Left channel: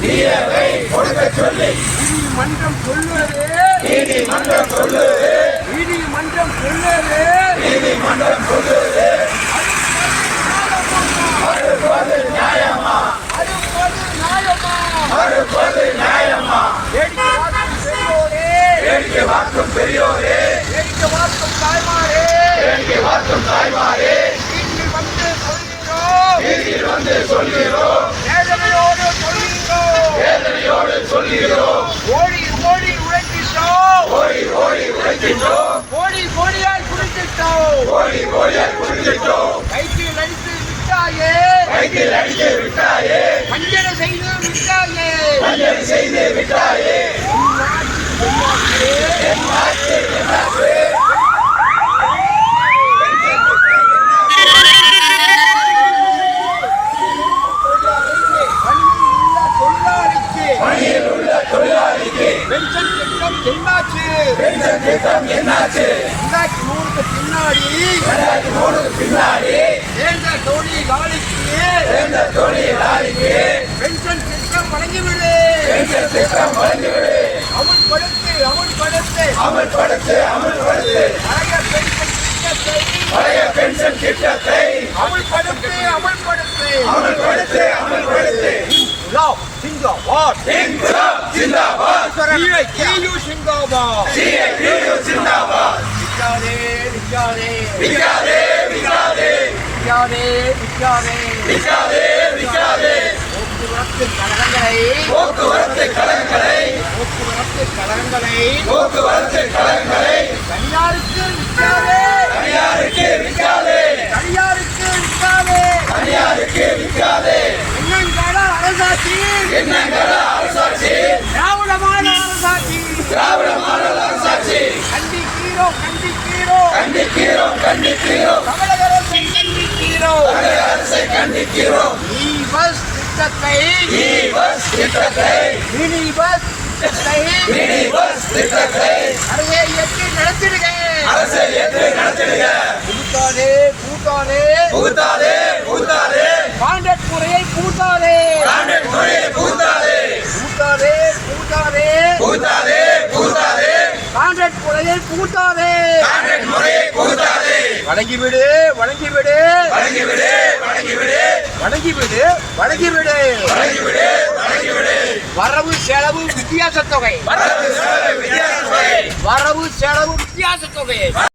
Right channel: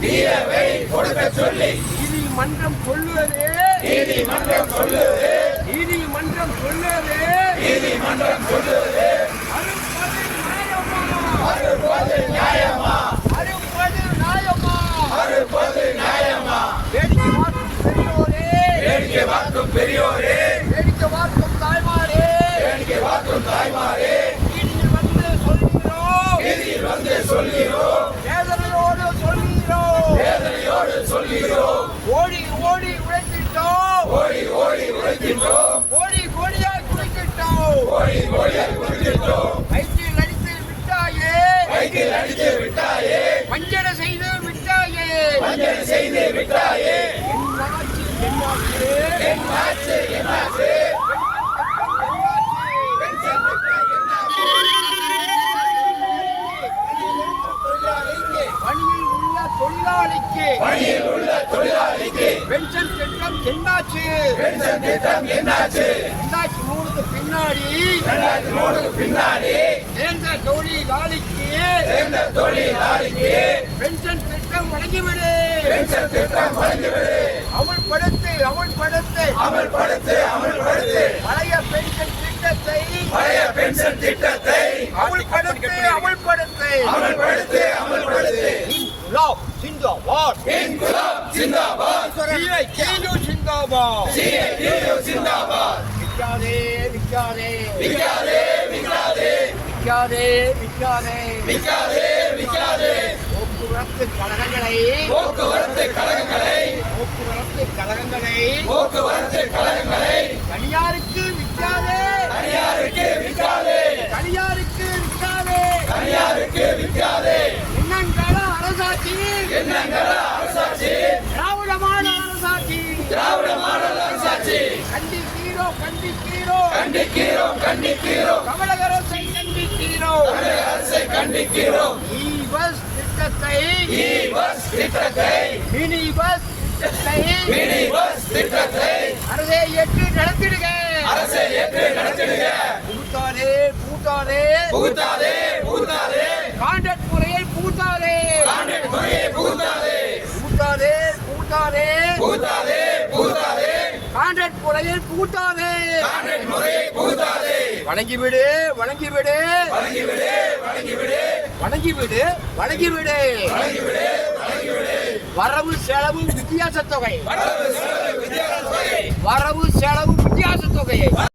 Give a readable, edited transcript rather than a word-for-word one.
தீரவை கொடுக்க சொல்லி நீதிமன்றம் சொல்லுவது நீதிமன்றம் சொல்லுது நீதிமன்றம் சொல்லுவது நீதிமன்றம் சொல்லுது மறுப்பது நியாயமா அறுப்பது நியாயமா மறுப்பது நியாயமா வேடிக்கை பார்க்கும் பெரியோரே வேடிக்கை பார்க்கும் பெரியோரே வேடிக்கை பார்க்கும் தாய்மாரே வேடிக்கை பார்க்கும் தாய்மாரே வீட்டில் வந்து சொல்கிறோம் வீட்டில் வந்து சொல்கிறோம் வேதனையோடு சொல்கிறோம் வேதனையோடு சொல்கிறோம் ஓடி ஓடி உழைக்கின்றோம் ஓடி ஓடி உழைக்கின்றோம் கோடி கோடியாய் குடிக்கின்றோம் ஓடி ஓடியாய் குடிக்கின்றோம் கையில் அடித்து விட்டாயே கையில் அடித்து விட்டாயே வஞ்சனை செய்து விட்டாயே வஞ்சனை செய்து விட்டாயே என் ஆட்சி என்னாச்சு பணியில் உள்ள தொழிலாளிக்கு பென்ஷன் திட்டம் என்னாச்சு பென்ஷன் திட்டம் என்னாச்சு 2003க்கு பின்னாடி 2003க்கு பின்னாடி சேர்ந்த தொழிலாளிக்கு பென்ஷன் திட்டம் வழங்கிவிடு பென்ஷன் திட்டம் வழங்கிவிடு அமல்படுத்து அமல்படுத்து அமல்படுத்து அமல்படுத்து பழைய பென்ஷன் திட்டத்தை பழைய பென்ஷன் திட்டத்தை அமல்படுத்து அமல்படுத்து அமல்படுத்து அமல்படுத்து இன்குலாப் சிந்தாபாத் இன்குலாப் ஜிந்தாபாத் சிஐடியு சிந்தாபாத் சிஐடியு ஜிந்தாபாத் விக்காதே விக்காதே விக்காதே விக்காதே விக்காதே விக்காதே விக்காதே விக்காதே போக்குவரத்து கழகங்களை போக்குவரத்து கழகங்களை போக்குவரத்து கழகங்களை தனியாருக்கு விற்காதே தனியாருக்கு விற்காதே தனியாருக்கு விற்காதே தனியாருக்கு விற்காதே என்னங்கால அரசாட்சி என்னங்கள அரசாட்சி திராவிடமான அரசாட்சி திராவிட மாடல் அரசாட்சி கண்டிக்கிறோம் கண்டிக்கிறோம் கண்டிக்கிறோம் கண்டிக்கிறோம் தமிழக அரசை கண்டிக்கிறோம் தமிழக அரசை கண்டிக்கிறோம் இ பஸ் திட்டத்தை இ பஸ் திட்டத்தை மினி பஸ் திட்டத்தை மினி பஸ் திட்டத்தை அரசை ஏற்று நடத்திடுக அரசை ஏற்று நடத்திடுக கூட்டாதே கூட்டாதே புகுத்தாதே புகுத்தாதே கான்ட்ராக்ட் முறையை கூட்டாதே கான்ட்ராக்ட் துறையை புகுத்தாதே கூட்டாதே கூட்டாதே புகுத்தாதே புகுத்தாதே கான்ட்ராக்ட் முறையை கூட்டாதே கான்ட்ராக்ட் முறையை புகுத்தாதே வணங்கிவிடு வணங்கிவிடு வழங்கிவிடு வழங்கிவிடு வணங்கிவிடு வணங்கிவிடு வழங்கிவிடு வழங்கிவிடு வரவு செலவு வித்தியாச தொகை வரவு செலவு வித்தியாச தொகை வரவு செலவு வித்தியாச தொகை